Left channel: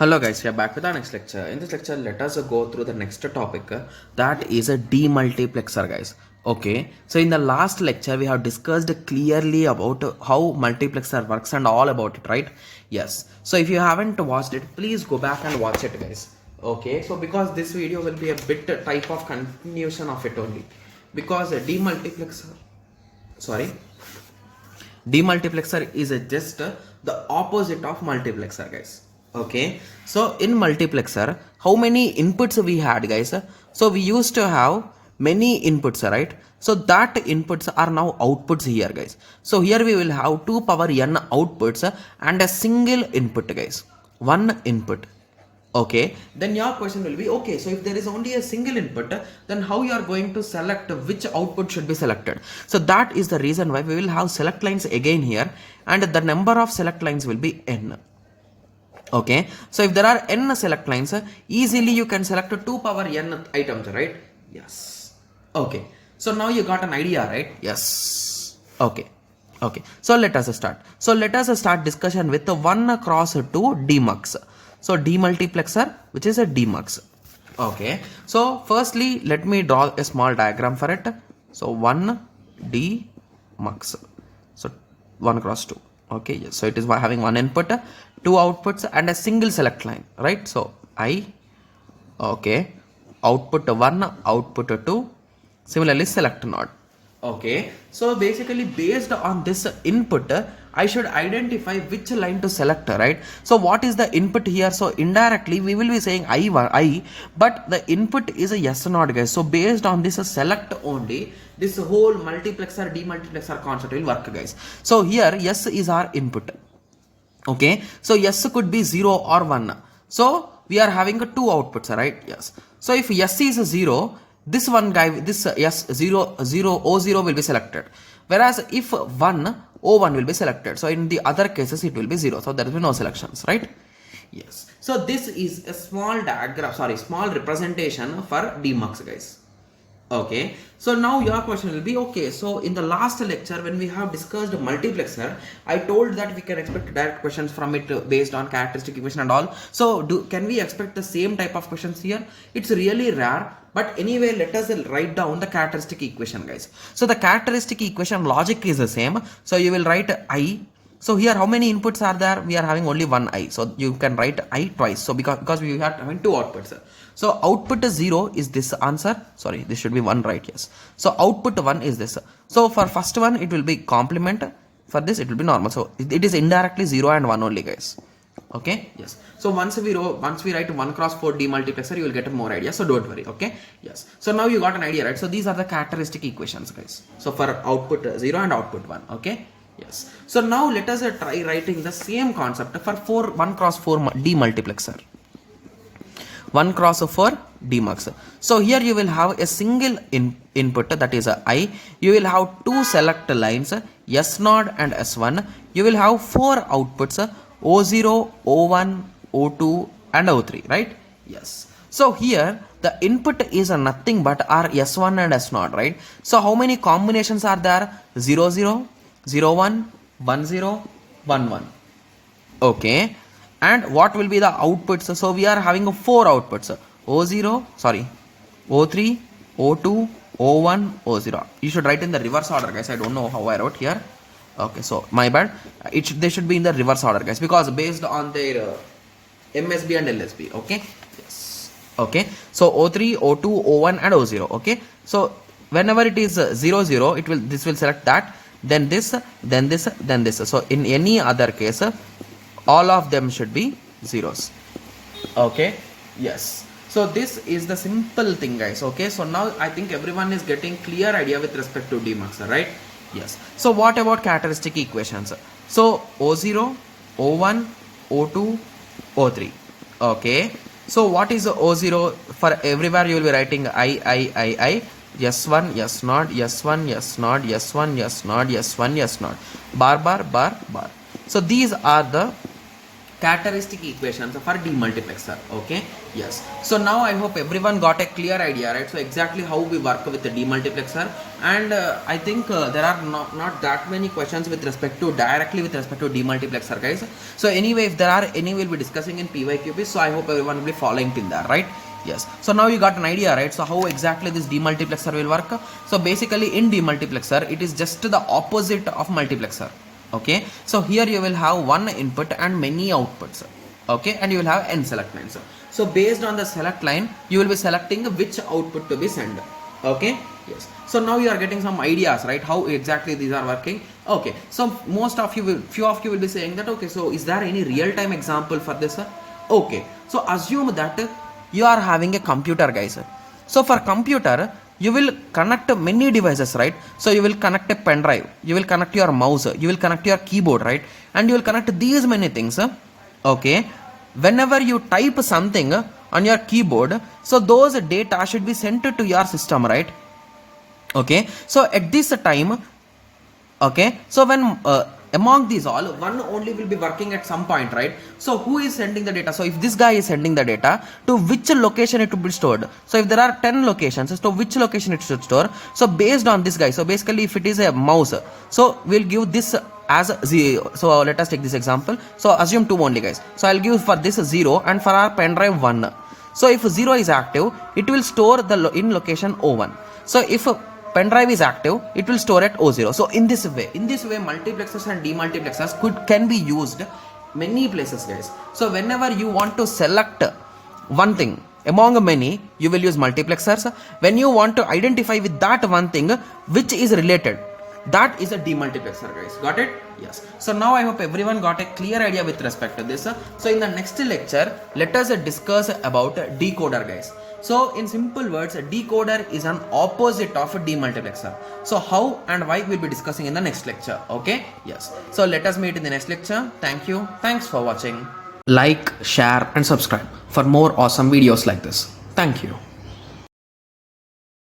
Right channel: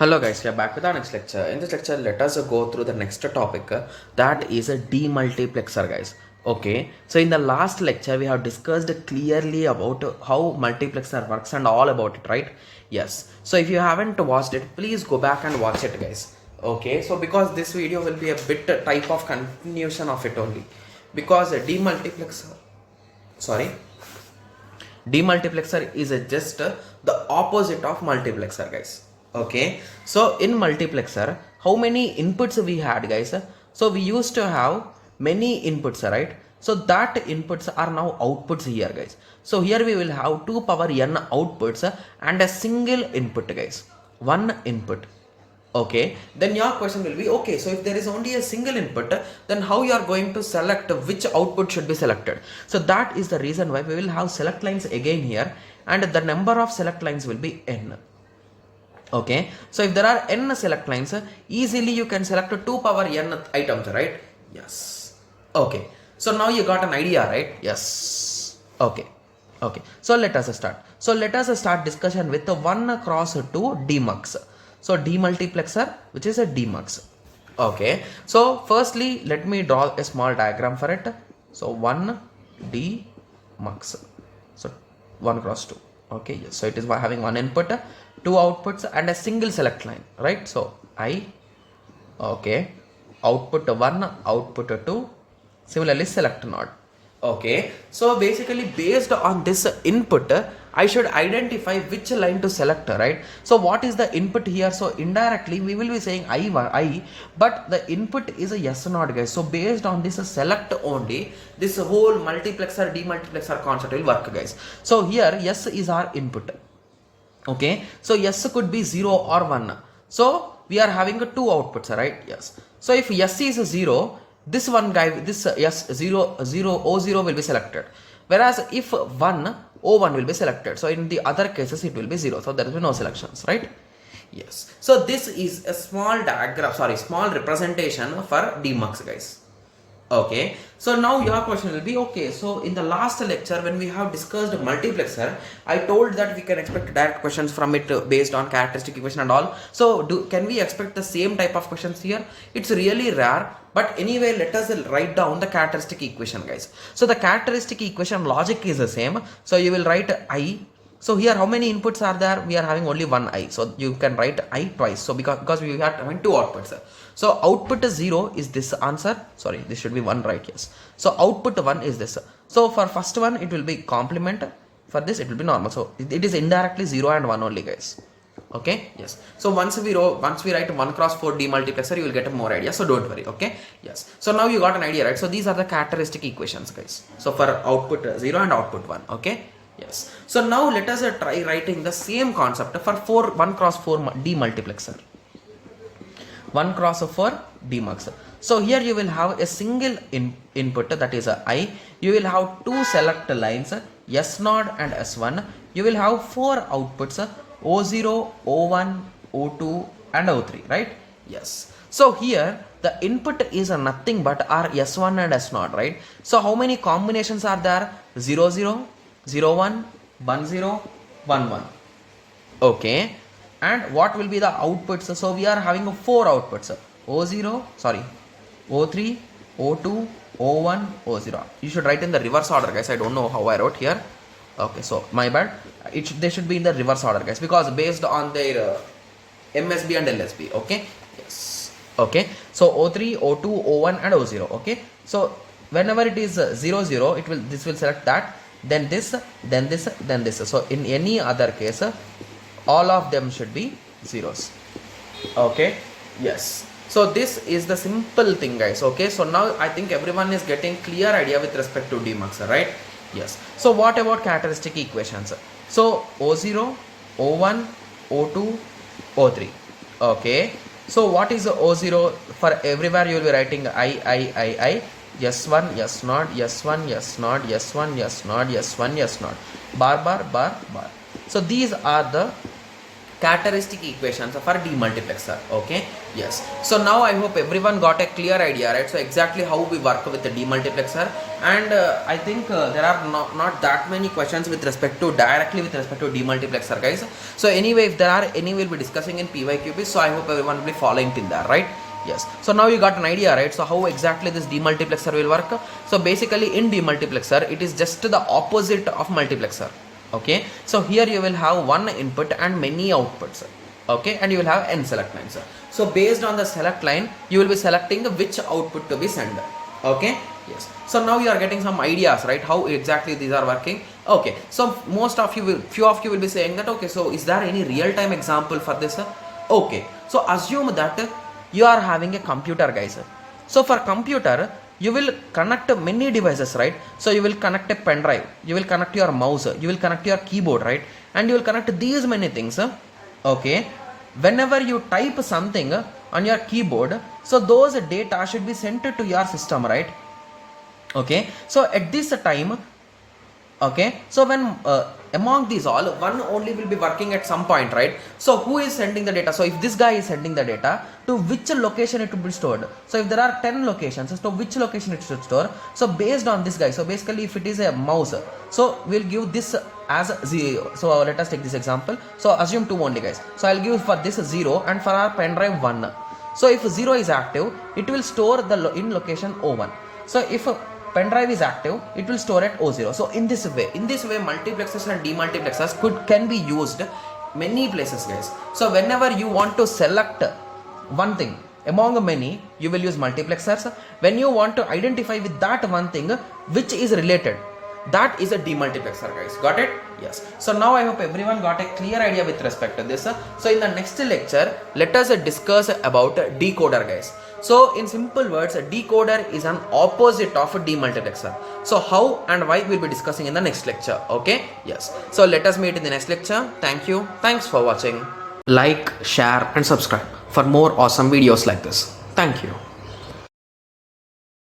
Hello guys, we are back with our next lecture. In this lecture, let us go through the next topic that is a demultiplexer guys. Okay, so in the last lecture we have discussed clearly about how multiplexer works and all about it, right? Yes. So if you haven't watched it, please go back and watch it guys. Okay, so because this video will be a bit type of continuation of it only, because a demultiplexer is just the opposite of multiplexer guys. Okay, so in multiplexer how many inputs we had guys? So we used to have many inputs, right? So that inputs are now outputs here guys. So here we will have 2 power n outputs and a single input guys, one input. Okay, then your question will be, okay, so if there is only a single input, then how you are going to select which output should be selected? So that is the reason why we will have select lines again here, and the number of select lines will be n. Okay, so if there are n select lines, easily you can select 2 power n items, right? Yes. Okay, so now you got an idea, right? Yes. Okay. Okay, so let us start. So let us start discussion with the 1 cross 2 demux. So demultiplexer, which is a demux. Okay, so firstly let me draw a small diagram for it. So 1 demux. So 1 cross 2. Okay, yes. So it is having one input, 2 outputs and a single select line, right? So I, okay, output 1, output 2, similarly select node. Okay, so basically based on this input, I should identify which line to select, right? So what is the input here? So indirectly we will be saying I, but the input is a yes not guys. So based on this select only, this whole multiplexer demultiplexer concept will work guys. So here yes is our input. Okay, so yes could be 0 or 1. So we are having 2 outputs, right? Yes. So if yes is 0, this one guy, this yes 0 O0 will be selected, whereas if 1 O1 will be selected. So in the other cases it will be 0, so there will be no selections, right? Yes. So this is a small diagram, small representation for demux guys. Okay, so now your question will be, okay, so in the last lecture when we have discussed multiplexer, I told that we can expect direct questions from it based on characteristic equation and all. So can we expect the same type of questions here? It's really rare, but anyway let us write down the characteristic equation guys. So the characteristic equation logic is the same. So you will write I. So here how many inputs are there? We are having only one I, so you can write I twice. So because we are having 2 outputs. So output 0 is this answer. Sorry, this should be 1, right? Yes. So output 1 is this. So for first one it will be complement. For this it will be normal. So it is indirectly 0 and 1 only guys. Okay. Yes. So once we write 1 cross 4 demultiplexer, you will get more idea. So don't worry. Okay. Yes. So now you got an idea, right? So these are the characteristic equations guys. So for output 0 and output 1. Okay. Yes. So now let us try writing the same concept for 1 cross 4 demultiplexer. 1 cross 4 demux. So here you will have a single input, that is I. You will have 2 select lines, S0 and S1. You will have 4 outputs, O0, O1, O2 and O3, right? Yes. So here the input is nothing but our S1 and S0, right? So how many combinations are there? 0, 0, 0, 1, 1, 0, 1, 1. Okay. And what will be the outputs? So we are having 4 outputs. O0, O3, O2, O1, O0. You should write in the reverse order guys. I don't know how I wrote here. Okay, so my bad. They should be in the reverse order guys, because based on their MSB and LSB. Okay. Yes. Okay. So O3, O2, O1 and O0. Okay. So whenever it is 0, 0, this will select that. Then this, then this, then this. So in any other case, all of them should be zeros. Okay. Yes. So this is the simple thing guys. Okay. So now I think everyone is getting clear idea with respect to demux, right? Yes. So what about characteristic equations? So O0, O1, O2, O3. Okay. So what is O0? For everywhere you will be writing I. S1, S0, S1, S0, S1, S0, S1, S0. Bar, bar, bar, bar. So these are the characteristic equations for demultiplexer. Okay, yes. So now I hope everyone got a clear idea, right? So exactly how we work with the demultiplexer, and I think there are not that many questions with respect to directly with respect to demultiplexer, guys. So anyway, if there are any, we'll be discussing in PYQP. So I hope everyone will be following pin there, right? Yes. So now you got an idea, right? So how exactly this demultiplexer will work? So basically in demultiplexer, it is just the opposite of multiplexer. Okay, so here you will have one input and many outputs. Okay, and you will have n select lines. So based on the select line, you will be selecting which output to be sent. Okay, yes. So now you are getting some ideas, right? How exactly these are working. Okay, so few of you will be saying that, okay, so is there any real-time example for this? Okay, so assume that you are having a computer, guys. So for computer, you will connect many devices, right? So you will connect a pen drive, you will connect your mouse, you will connect your keyboard, right? And you will connect these many things. Okay, whenever you type something on your keyboard, so those data should be sent to your system, right? Okay, so at this time, okay, so when among these all, one only will be working at some point, right? So who is sending the data? So if this guy is sending the data, to which location it will be stored? So if there are 10 locations, to which location it should store? So based on this guy, so basically if it is a mouse, so we'll give this as 0. So let us take this example. So assume 2 only, guys. So I'll give for this 0 and for our pen drive 1. So if 0 is active, it will store the in location O1. So if pen drive is active, it will store at O0. So in this way multiplexers and demultiplexers can be used many places, guys. So whenever you want to select one thing among many, you will use multiplexers. When you want to identify with that one thing which is related, that is a demultiplexer, guys. Got it? Yes. So now I hope everyone got a clear idea with respect to this. So in the next lecture, let us discuss about decoder, guys. So in simple words, a decoder is an opposite of a demultiplexer. So how and why we'll be discussing in the next lecture. Okay? Yes. So let us meet in the next lecture. Thank you. Thanks for watching. Like, share and subscribe for more awesome videos like this. Thank you.